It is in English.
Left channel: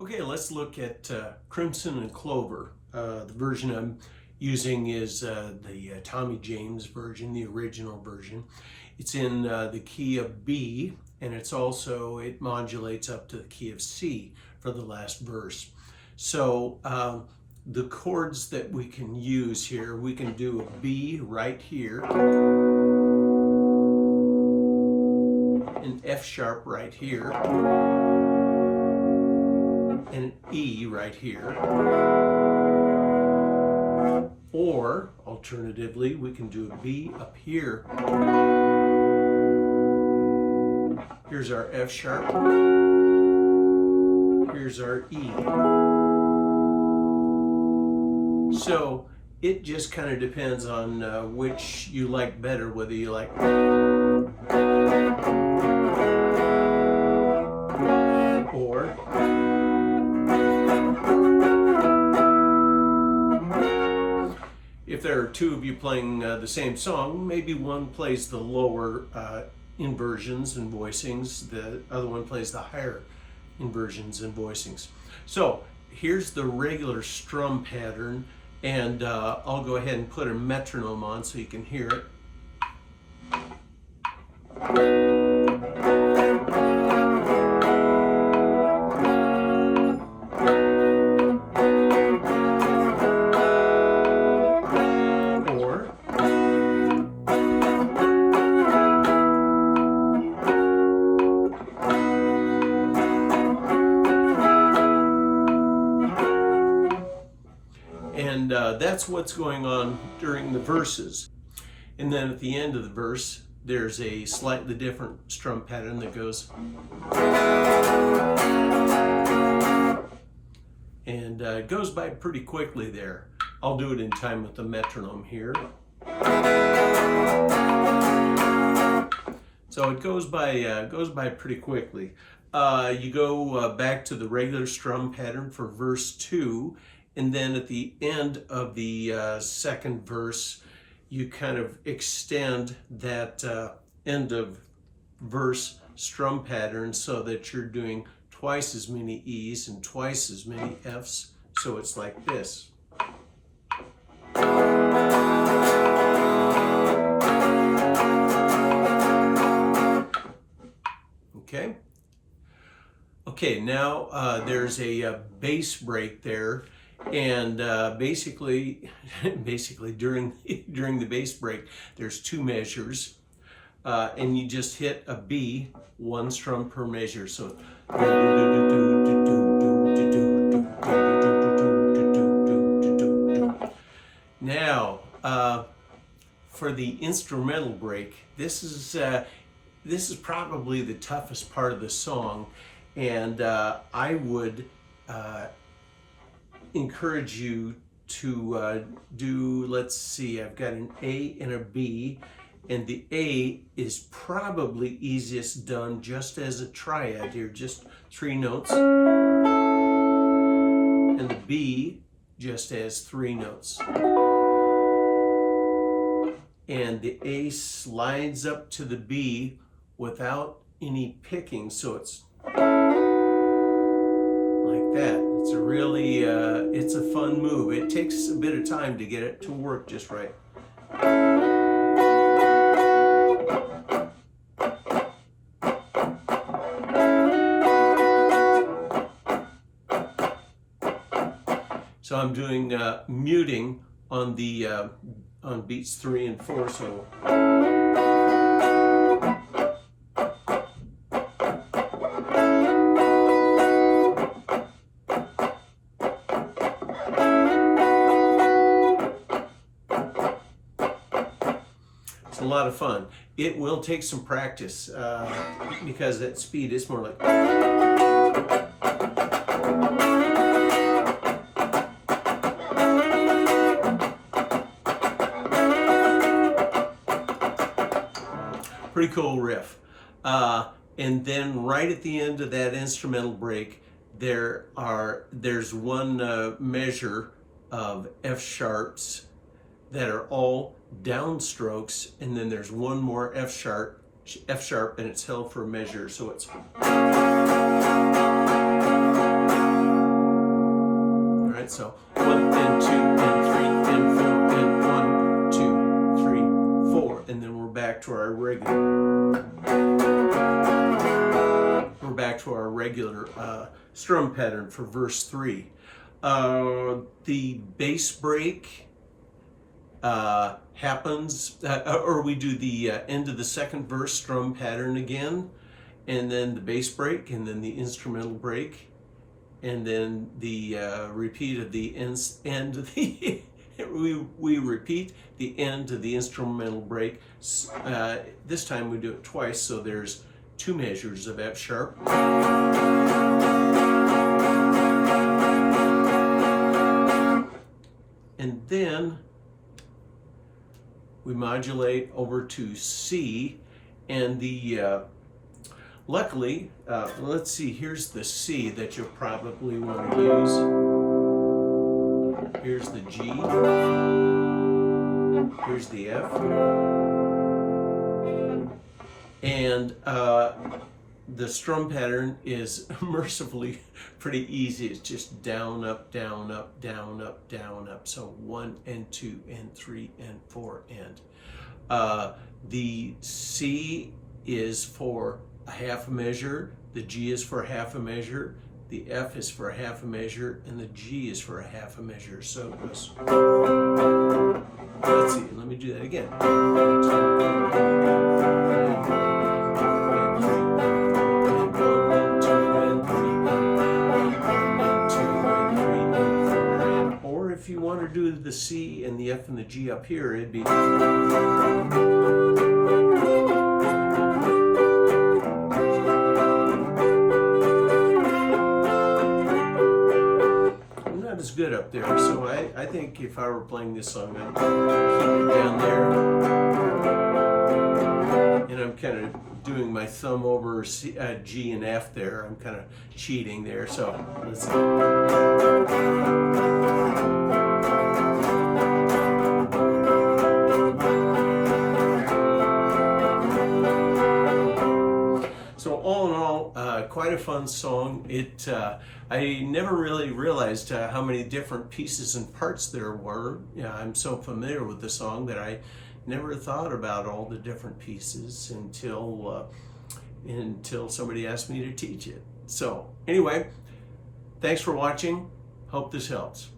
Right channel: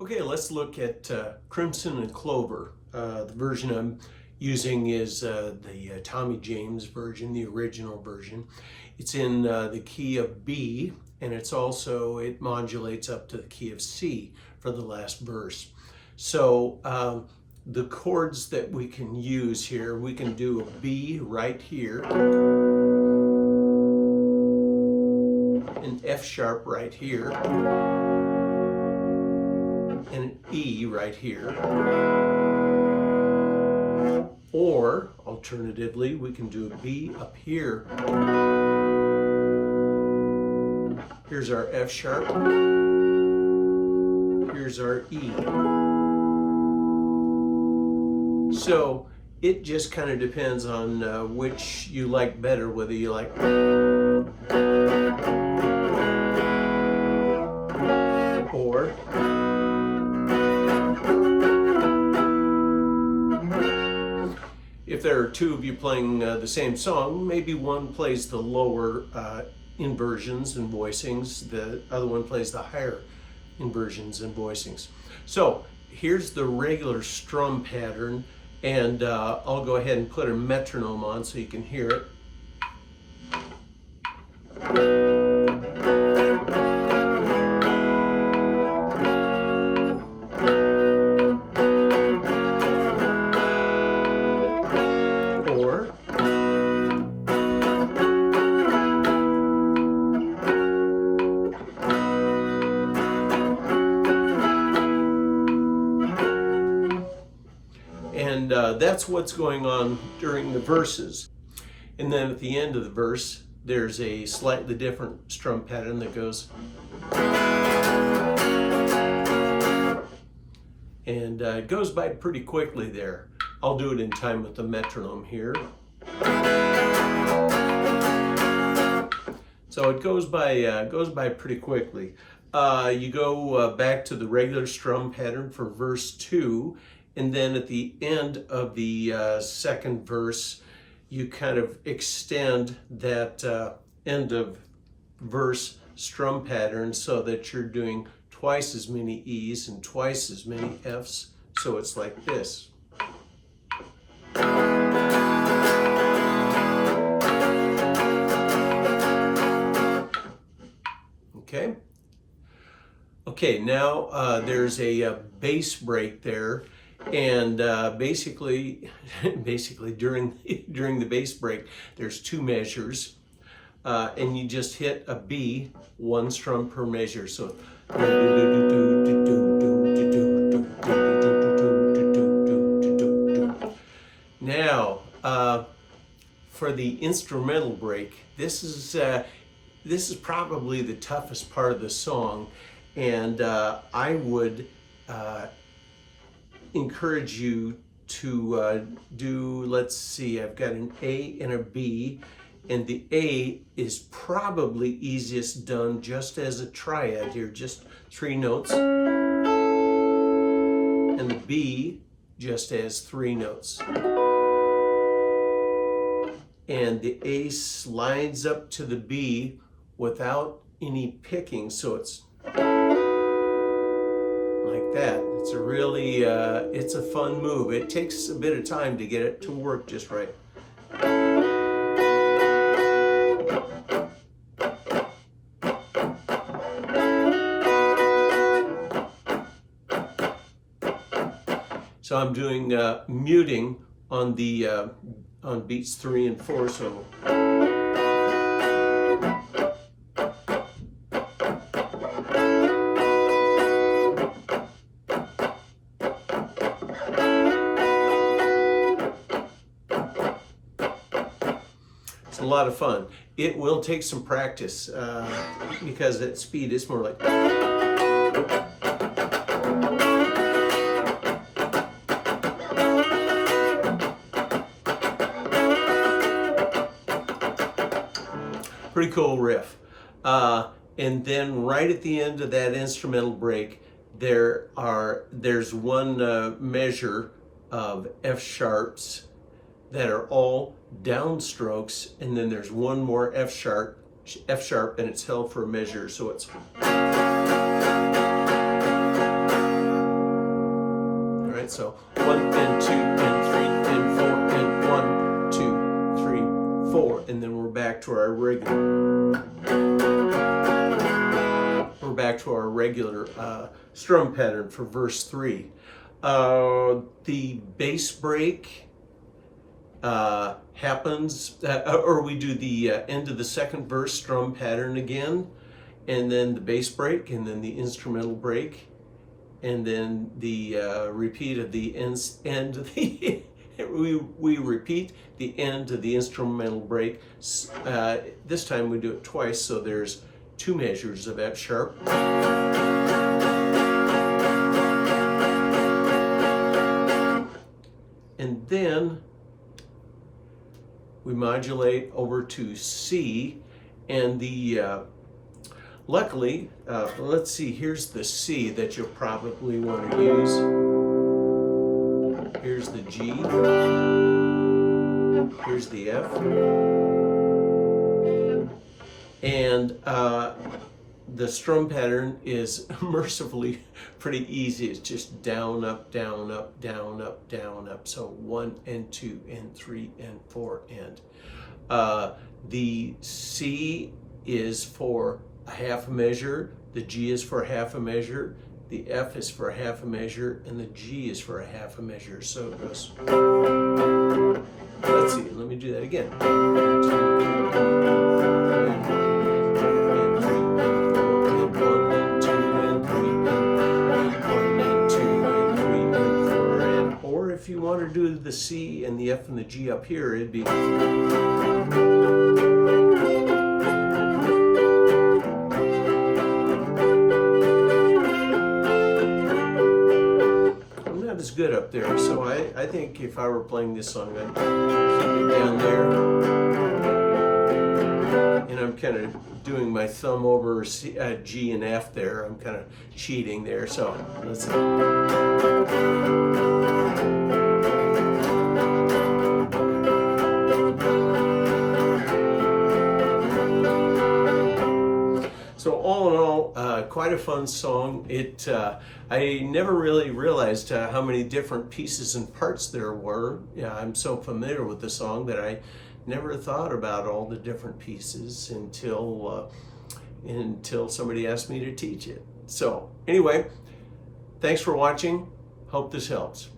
Okay, let's look at Crimson and Clover. The version I'm using is the Tommy James version, the original version. It's in the key of B, and it modulates up to the key of C for the last verse. So the chords that we can use here, we can do a B right here, an F sharp right here, and an E right here. Or alternatively, we can do a B up here. Here's our F sharp. Here's our E. So it just kind of depends on which you like better, whether you like or if there are two of you playing the same song, maybe one plays the lower inversions and voicings, the other one plays the higher inversions and voicings. So here's the regular strum pattern, and I'll go ahead and put a metronome on so you can hear it. And that's what's going on during the verses. And then at the end of the verse, there's a slightly different strum pattern that goes. And it goes by pretty quickly there. I'll do it in time with the metronome here. So it goes by pretty quickly. You go back to the regular strum pattern for verse 2. And then at the end of the second verse, you kind of extend that end of verse strum pattern so that you're doing twice as many E's and twice as many F's. So it's like this. Okay. Okay, now there's a bass break there. And basically during the bass break, there's two measures, and you just hit a B, one strum per measure. So now for the instrumental break, this is probably the toughest part of the song, and I would encourage you to do, let's see, I've got an A and a B, and the A is probably easiest done just as a triad here, just 3 notes, and the B just as 3 notes. And the A slides up to the B without any picking, so it's like that. It's a really, it's a fun move. It takes a bit of time to get it to work just right. So I'm doing muting on the on beats 3 and 4. So. A lot of fun. It will take some practice because at speed it's more like. Pretty cool riff. And then right at the end of that instrumental break, there's one measure of F sharps that are all downstrokes, and then there's one more F sharp, and it's held for a measure, so it's. right? So 1 and 2 and 3 and 4 and 1, 2, 3, 4, and then we're back to our regular strum pattern for verse 3. The bass break happens, or we do the end of the second verse strum pattern again, and then the bass break, and then the instrumental break, and then the repeat of the end of the we repeat the end of the instrumental break. This time we do it twice, so there's 2 measures of F sharp. And then we modulate over to C, and the luckily, let's see, here's the C that you'll probably want to use. Here's the G, here's the F, and the strum pattern is mercifully pretty easy. It's just down, up, down, up, down, up, down, up. So 1 and 2 and 3 and 4 and. The C is for a half a measure, the G is for half a measure, the F is for half a measure, and the G is for a half a measure. So it goes. Let's see, let me do that again. 1 and 2 and 3 and 4 and 1 and 2 and 3 and 1 and 2 and 3 and 4 and, or if you want to do the C and the F and the G up here, it'd be. Is good up there, so I think if I were playing this song, I'd keep it down there, and I'm kind of doing my thumb over C, G and F there. I'm kind of cheating there, so let's see. So all in all, quite a fun song. I never really realized how many different pieces and parts there were. Yeah, I'm so familiar with the song that I never thought about all the different pieces until somebody asked me to teach it. So anyway, thanks for watching. Hope this helps.